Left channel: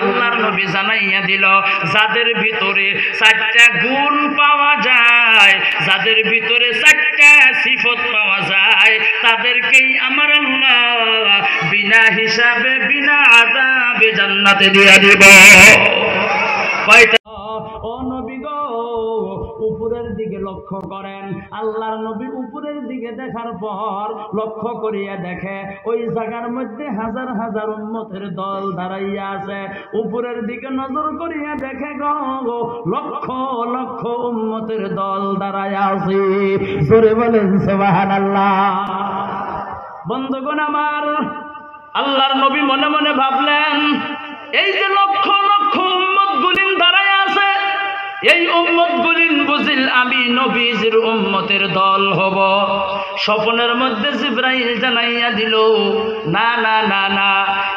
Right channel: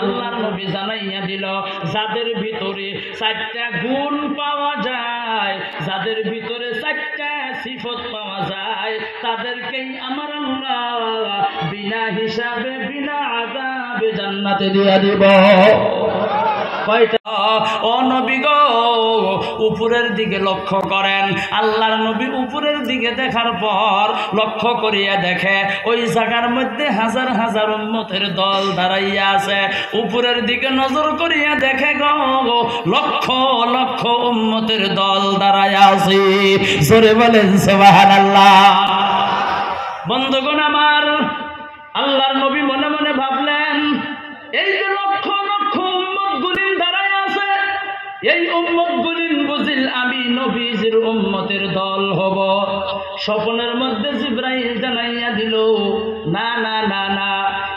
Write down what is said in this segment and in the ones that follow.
আল্লাহর নবী জানাইয়া দিল, যাদের ভিতরে 4টা গুণ পাওয়া যায়, যাদের ভিতরে 4টা সিফত পাওয়া যায়, তাদেরকেই আমার আল্লাহ বিনা হিসাবে বিনা আযাবে জান্নাতে দিয়ে দিব। কয়টা? ও নবী গো, উপরের দিকে লক্ষ্য করেন। আল্লাহর নবী উপরের দিকে দেখার পর লক্ষ্য করিয়া দেখে ওই জায়গার মধ্যে হাজার হাজার উম্মতের দল দাঁড়াইয়া আছে। উপরের দিকে নজর করিয়া দেখে গো, লক্ষ লক্ষ উম্মতের দল দাঁড়াইয়া আছে। জোরে বলেন সুবহানাল্লাহ। বন্ধুগণ আমার, আল্লাহর নবী মনে মনে ভাবলেন, এই যে লক্ষ লক্ষ উম্মত গুলিন দাঁড়ায় আছে, এই উম্মত গুলিন বুঝিল আমি নবীজির উম্মতের দল হব। স্বপ্নের মধ্যে জিবরাইল জানাইয়া দিল, না না না না,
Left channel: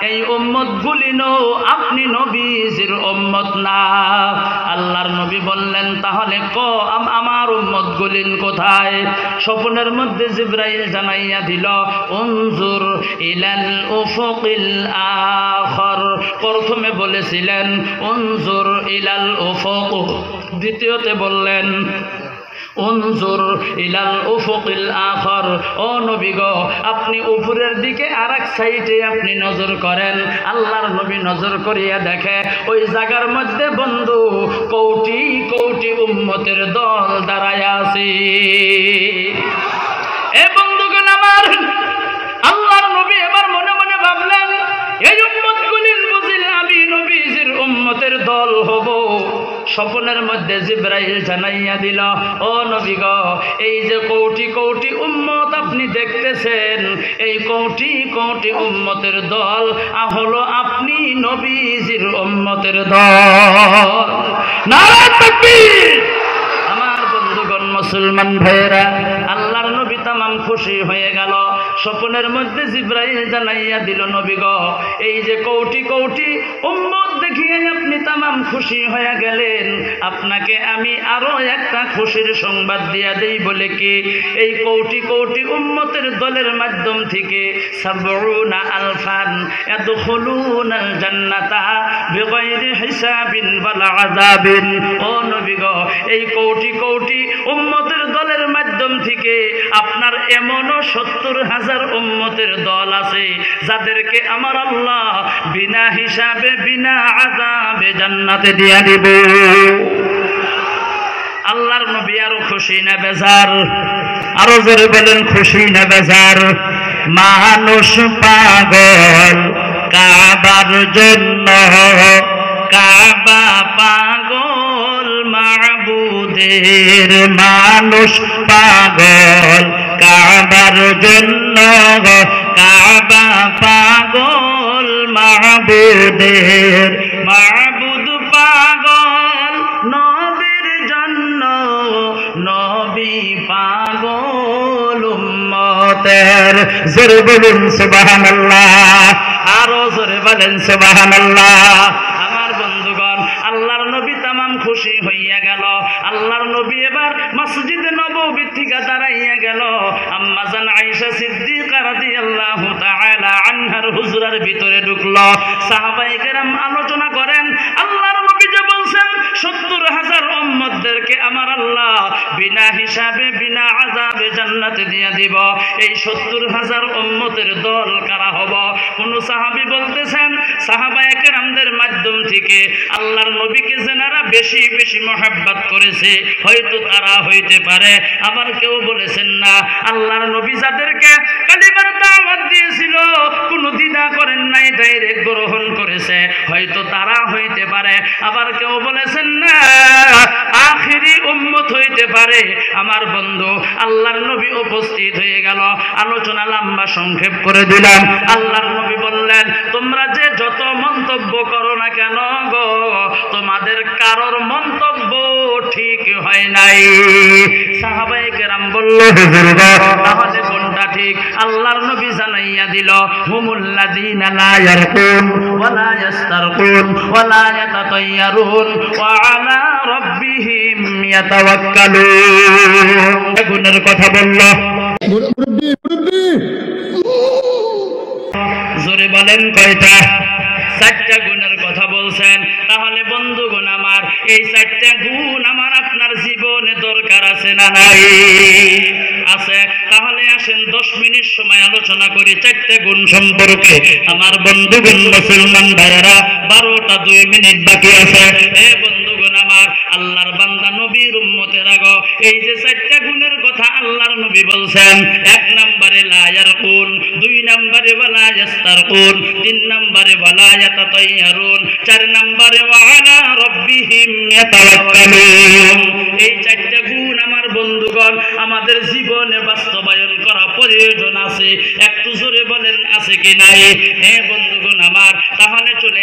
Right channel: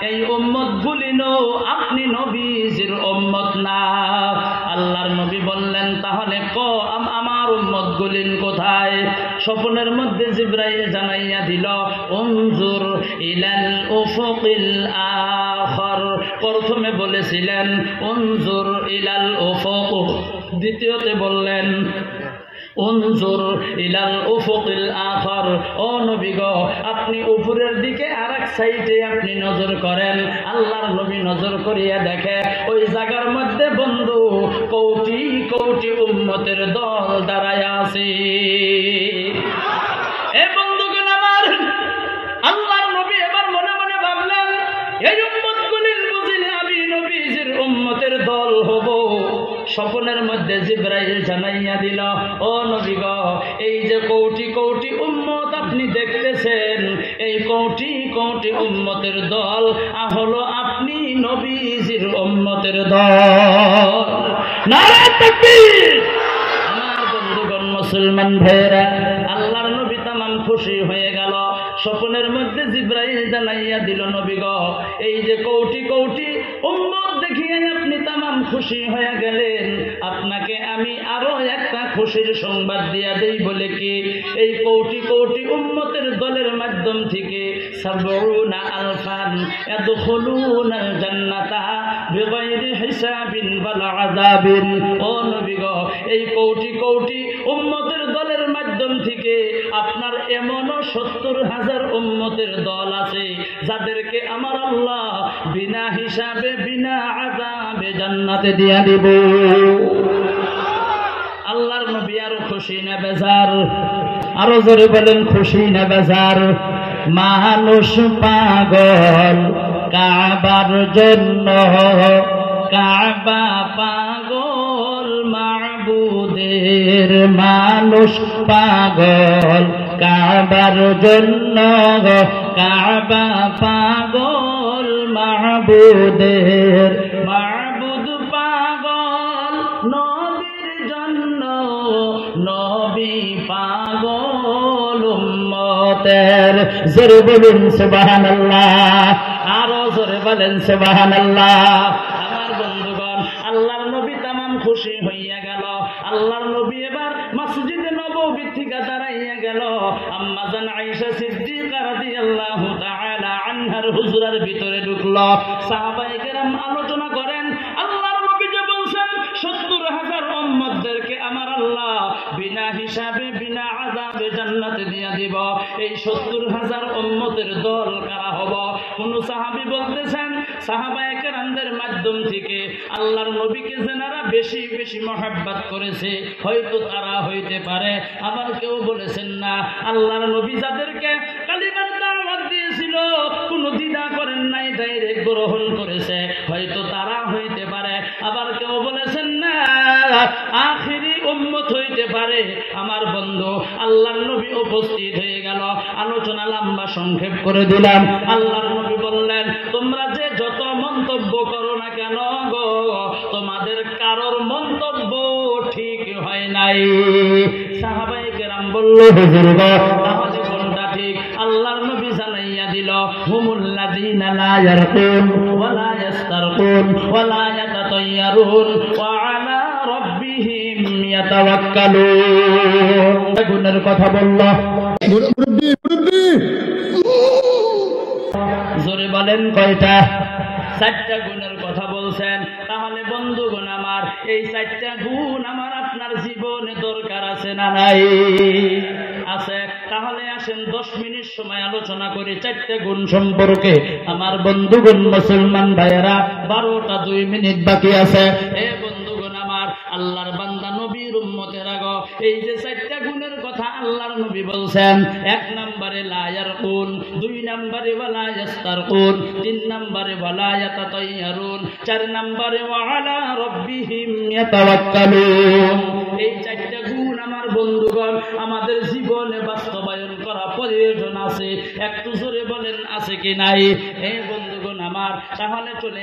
এই উম্মত গুলিনও আপনি নবীজির উম্মত না। আল্লাহর নবী বললেন, তাহলে আমার উম্মত গুলিন কোথায়? স্বপ্নের মধ্যে জিবরাইল জানাইয়া দিল, উনজুর ইলাল উফুকিল আখর। প্রথমে বলেছিলেন উনজুর ইলাল উফুক, দ্বিতীয়তে বললেন উনজুর ইলাল উফুকিল আখর। ও নবী গো, আপনি উপরের দিকে আরেক সাইডে আপনি নজর করেন। আল্লাহর নবী নজর করিয়া দেখে ওই জায়গার মধ্যে বন্ধু কোটি কোটি উম্মতের দল দাঁড়ায় আছে। এ বন্ধুগণ আমার, আল্লাহর নবী এবার মনে মনে ভাবলেন, এই উম্মতগুলির বুঝিলে আমি নবীজির উম্মতের দল হব। স্বপ্নের মধ্যে জিবরাইল জানাইয়া দিল, ও নবী গো, এই যে কোটি কোটি উম্মত আপনি দেখতেছেন, এই কোটি কোটি উম্মতের দল হলো আপনি নবীজির উম্মতের দল। নারে তাকবীর! আমার বন্ধুগণ মুসলমান ভাইয়েরা, আল্লাহর নবী তামাম খুশি হয়ে গেল। স্বপ্নের মধ্যে জিবরাইল জানাইয়া দিল, নবী গো, এই যে কোটি কোটি উম্মত দেখিয়ে আপনি তামাম খুশি হয়ে গেলেন, আপনাকে আমি আরো একটা খুশির সংবাদ দিয়া দেই। বলে কি? এই কোটি কোটি উম্মতের দলের মাধ্যম থেকে ৭০ আলফান ইয়াদখুলুনাল জান্নাতা বিগাইরি হিসাবিন ওয়ালা আযাবিন। ও নবী গো, এই কোটি কোটি উম্মতের দলের মাধ্যম থেকে আপনার এমনও ৭০,০০০ উম্মতের দল আছে, যাদেরকে আমার আল্লাহ বিনা হিসাবে বিনা আযাবে জান্নাতে দিয়া দিব। আল্লাহর নবী আরো খুশি না বেজার? আরো জোরে বলেন, খুশি না বেজার? মানুষ পাগল কাবার জন্য, কাবা পাগল মাবুদের। মানুষ পাগল কাবার জন্য, কাবা পাগল মাবুদের। মাবুদ পাগল নবীর জন্য, নবী পাগল উম্মতের। জোরে বলুন সুবহানাল্লাহ, আরো জোরে বলেন সুবহানাল্লাহ। আমার বন্ধুগণ, আল্লাহর নবী তামাম খুশি হইয়া গেল। আল্লাহর নবী এবার মসজিদে নববী থেকে দাঁড়াইয়া গেল। আম্মা জান আয়েশা সিদ্দিকা রাদিয়াল্লাহু তাআলা আনহার হুজরার ভিতরে ঢুকলো। সাহাবায়ে কেরাম আলোচনা করেন, আল্লাহর নবী যে বলছেন ৭০,০০০ উম্মতদেরকে আমার আল্লাহ বিনা হিসাবে বিনা আযাবে জান্নাতে দিয়ে দিব, এই ৭০,০০০ উম্মতের দল কারা হব? কোন সাহাবী বলতেছেন, সাহাবায়ে কেরামদের মাধ্যম থেকে আল্লাহর নবীকে যারা বেশি বেশি মহব্বত করেছে হয়তো তারা হইতে পারে। আবার কেউ বলেছেন না, আল্লাহর নবী যাদেরকে কালিমার দাওয়াত দিয়েছিল কোনো দ্বিধা করেন নাই, ডাইরেক্ট গ্রহণ করেছে, হয়তো তারা হইতে পারে। আবার কেউ বলেছেন না, আখিরি উম্মত হইতে পারে। আমার বন্ধু, আল্লাহর নবী উপস্থিত হয়ে গেল। আলোচনা লম্বা সংক্ষেপ করে দিলাম। আল্লাহর নবী বললেন, তোমরা যে যত মন্তব্য করো না কেন গো, তোমাদের কারোর মন্তব্য ঠিক হয় নাই। সাহাবায়ে কেরাম বলল, হুজুর গো, তাহলে কোনটা ঠিক? আল্লাহর নবী জানাইয়া দিল, হুমুল্লাযীনা লা ইয়ারকুন ওয়া লা ইস্তারকুন ওয়া লা ইয়াতাতায়্যারুন ওয়া আলা রাব্বিহিম ইয়াতাওয়াক্কালুন। গুণের কথা বলল। জোরে বলেন কয়টা? 4টা গুণের কথা বলছেন। তাহলে বন্ধুগণ আমার, এই 4টা গুণ আমার আপনার জীবনে দরকার আছে না নাই? আছে। তাহলে আসেন 10 মিনিট সময় আলোচনা করি 4টা গুণ সম্পর্কে। আমার বন্ধুগণ মুসলমান ভাইয়েরা, 12টা 2 মিনিট বাকি আছে। এ বন্ধুগণ আমার, আল্লাহর বান্দা নবীর উম্মতেরা গো, এই যে 4টা গুণের কথা আল্লাহর নবী বলছেন, 1 নম্বরে লা ইয়ারকুন, 2 নম্বরে ওয়ালা ইয়াস্তারকুন, 3 নম্বরে ওয়ালা ইয়াতাতাইয়ারুন, 4 নম্বরে ওয়ালা রাব্বিহিম ইয়াতাওয়াক্কালুন। এই 4টা গুণ আমার বন্ধুগণ আমাদের জীবনে বাস্তবায়ন করা প্রয়োজন আছে। একটু জোরে বলেন আছে কি নাই? এ বন্ধুগণ আমার, তাহলে চলে